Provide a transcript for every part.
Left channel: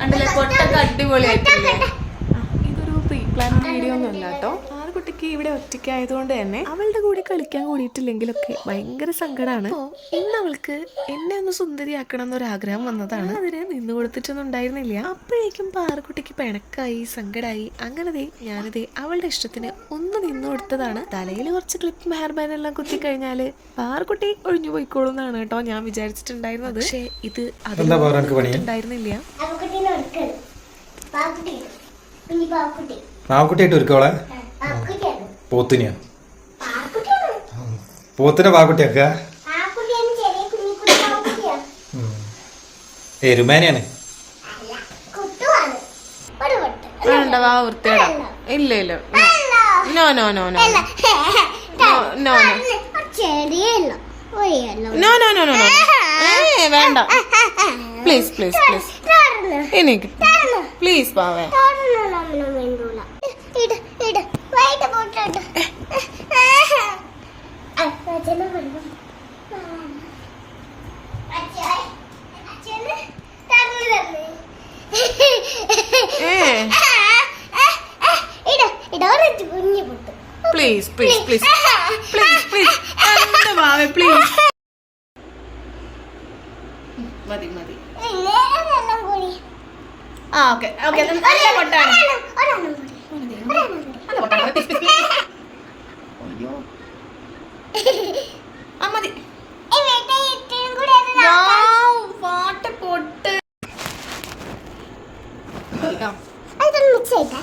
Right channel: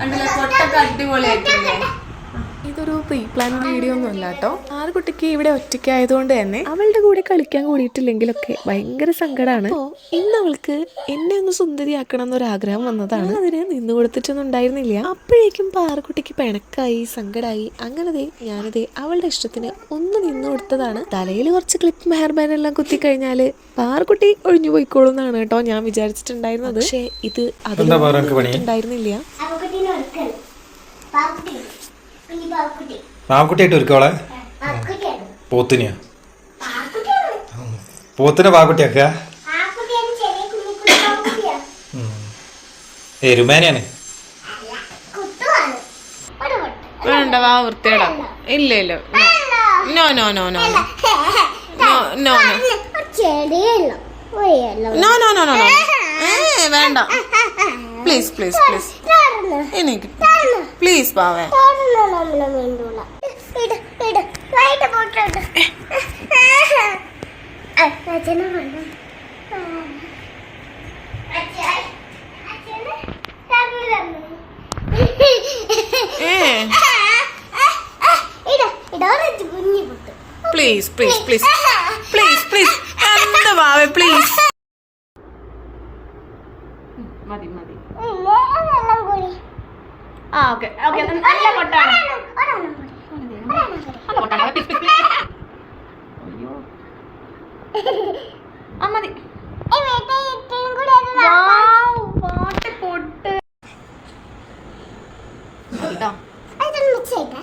കണ്ടില്ലേ? കൊട്ടൊക്കെ അടിപൊളിയായിട്ടില്ലേ? ഇതൊരു pre plan video ഒന്നും അല്ല കേട്ടോ. ആറുകുട്ടിക്ക് ഇവിടെ ഒറ്റയ്ക്കായതുകൊണ്ട് തന്നെ അവളുടെ കൂടെ കളിക്കാൻ കൂടിയിട്ടില്ലെങ്കിലൊക്കെ ഭയങ്കര സങ്കടമാണ് ഇന്ന് അവൾക്ക് എന്നെ ഒന്ന് സുന്ദരിയാക്കണം എന്നൊരാഗ്രഹം വന്നതാണ് അതിന് നിന്ന് കൊടുത്തിട്ടൊന്നും ഉണ്ടായിരുന്നില്ല. അപ്പോഴേക്കും പാറക്കുട്ടിക്ക് പിണക്കായി സങ്കടമായി അങ്ങനെ ദേ ഞാനിതേ അവളുടെ ഇഷ്ടത്തിന് ഒന്ന് നിന്ന് കൊടുത്തതാണ്. തലയിൽ കുറച്ച് ക്ലിപ്പ് ഹെയർ ബാൻഡ് എല്ലാം കുത്തി കഴിഞ്ഞാൽ പാറക്കുട്ടി ഒഴിഞ്ഞു പോയിക്കോളും എന്നാണ് കേട്ടോ ഞാൻ വിചാരിച്ചിട്ടുണ്ടായിരുന്നത്. പക്ഷേ ഇത് അതുണ്ടായിരുന്നില്ല? ഉണ്ടായിരുന്നില്ല. പാവക്കുട്ടിയായിട്ട് ഒരുക്കോളെ പോത്തിനെയാ? പോത്തിനെ പാവക്കുട്ടിയാക്കുക? പാക്കുട്ടിയാ എരുമേനെയാണ്? വേണ്ട വാ വൃത്തിയിടാം ഇല്ല ഇല്ല. No no no no. No no no. No no no no no no. No ഏ വേണ്ട. Please please please. എനിക്ക് please പാവേ. Please please please please please please മതി മതി. ആ ഓക്കെ. ഓക്കെ നല്ല കൊട്ടാണ് നല്ല കൊട്ടാണ് അയ്യോ. ആ മതി. പാട്ട്. പൊട്ട് കേട്ടോ മിക്സ് ചെയ്തേ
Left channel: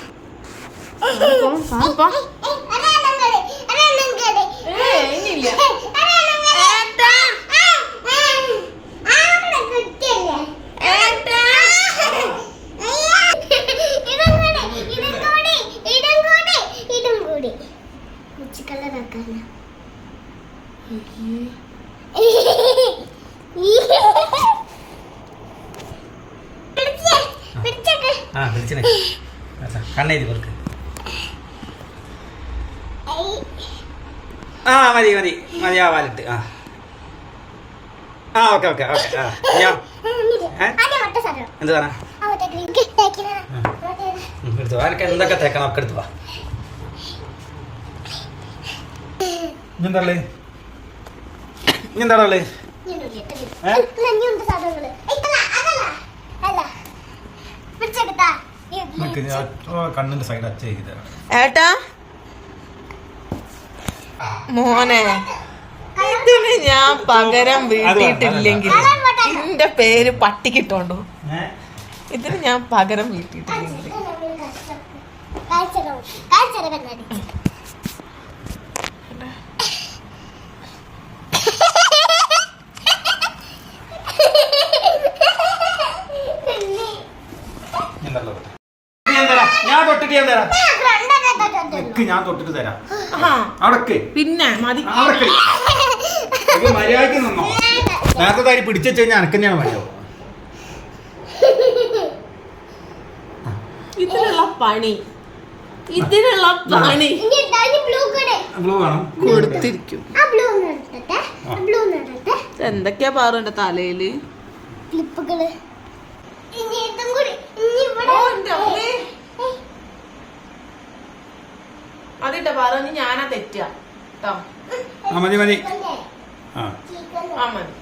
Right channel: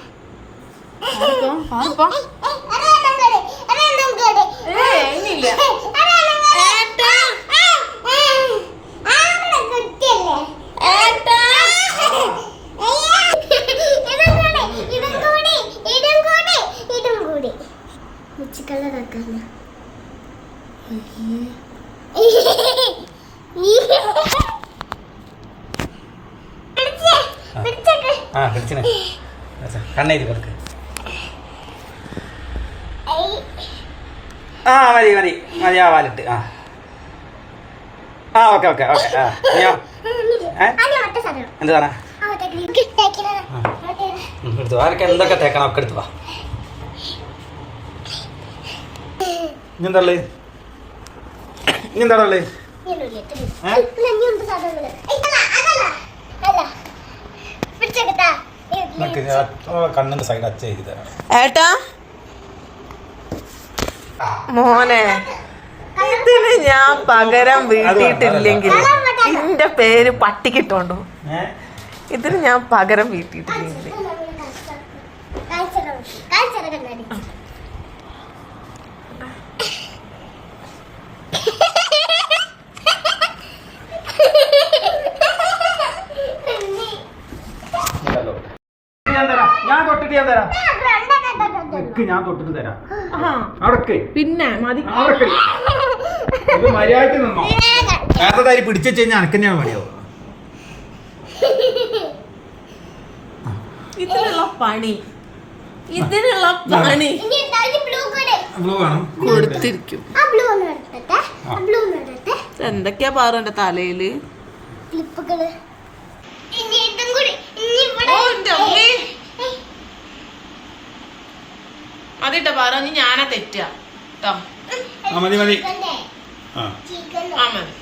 ആ. വിളിച്ചനെ കണ്ണേരി കൊടുക്ക്. ആ മതി മതി. മതി ആ വാലിട്ട് ആ. ആ ഓക്കെ ഓക്കെ ഓക്കെ ആ. അയ്യോ? എന്ത് ഉം, എടുത്തു. എനിക്ക് എന്തൊക്കെ തേക്കണം? ഒക്കെ എടുത്തു വാ. ഇനി എന്താ ഉള്ളത് ഇനി എന്താ ഉള്ളത് ഏ? നിനക്ക് ഞാൻ ഓ, കണ്ണിന്റെ സൈഡ് ഏട്ടാ മോനെ ഇതിന് ഞാൻ പകരം വീട്ടിയിട്ടില്ലെങ്കിൽ എന്റെ പേര് പട്ടിക്കിട്ടോണ്ടോ? ഇതിന് ഞാൻ പകരം വീട്ടിയിട്ടില്ലെങ്കിൽ കണ്ണാടി ഞാൻ തരാം ഞാൻ തൊട്ടിട്ട് ഞാൻ തരാം നിക്ക് ഞാൻ തൊട്ടിട്ട് തരാം. അവിടക്ക്. പിന്നെ മതി. മര്യാദയ്ക്ക് നിന്നോ? നേരത്തെ തൈ പിടിച്ചു കഴിഞ്ഞാൽ അനക്ക് ഞാൻ മര്യാദ. ഇതിനുള്ള പണി. പണി. ബ്ലൂ വേണം. കൊടുത്തിരിക്കും. എന്തൊക്കെയാ പാറു തലയിൽ? ക്ലിപ്പുകൾ. ഇനി ഇതും കൂടി. ഇനി ഇവിടെ. ഓ, എന്റെ അമ്മേ. ഏയ്, മതിട്ടോ പാറു ഞാനാ തെറ്റാ. ട്ടോ. ആ മതി മതി. ആ. ചിക്കൻ. ആ മതി.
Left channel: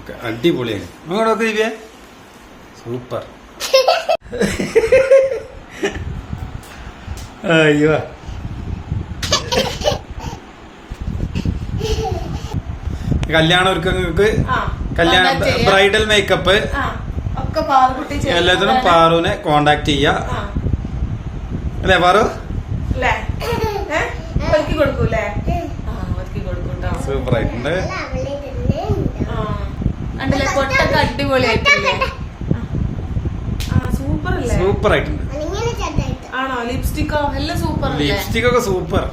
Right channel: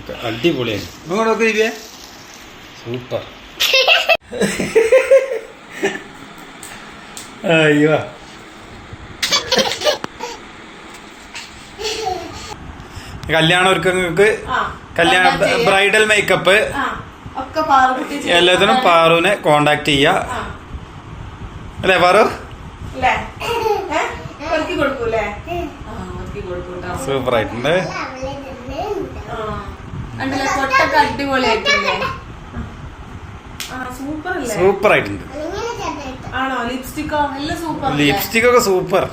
ഒക്കെ അടിപൊളിയാണ് ഇങ്ങോട്ട് നോക്ക് ദിവ്യ. സൂപ്പർ. അയ്യോ. കല്യാണ ഒരുക്കങ്ങൾക്ക് ആ. കല്യാണ ബ്രൈഡൽ മേക്കപ്പ്. എല്ലാത്തിനും പാറുവിനെ കോണ്ടാക്ട് ചെയ്യാ. അല്ലേ പാറു? അല്ലേ ഏ? ഒരുക്കി കൊടുക്കൂലേ ആ ഒരുക്കി കൊടുക്കൂട്ടോ സൂപ്പർ ആയിട്ടുണ്ട്. കൊട്ടൊക്കെ അടിപൊളിയായിട്ടില്ലേ? സൂപ്പർ അല്ലേ സൂപ്പർ ആയിട്ടുണ്ട്. ആണോ? ലിപ്സ്റ്റിക്കോ? എല്ലാം സൂപ്പർ ലിപ്സ്റ്റിക് ഒക്കെ സൂപ്പർ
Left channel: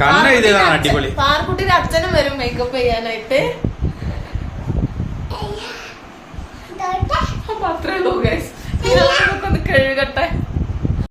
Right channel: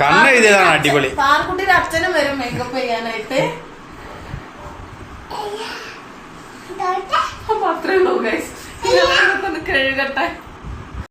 കണ്ണ് എഴുതിയതാണ് അടിപൊളി. പാർക്കുട്ടിയുടെ അച്ഛനും വരും മേക്കപ്പ് ചെയ്യാനായിട്ട്. അപ്പൊ അത്രേ ഉള്ളൂ ഗൈസ് കഴുകട്ടെ.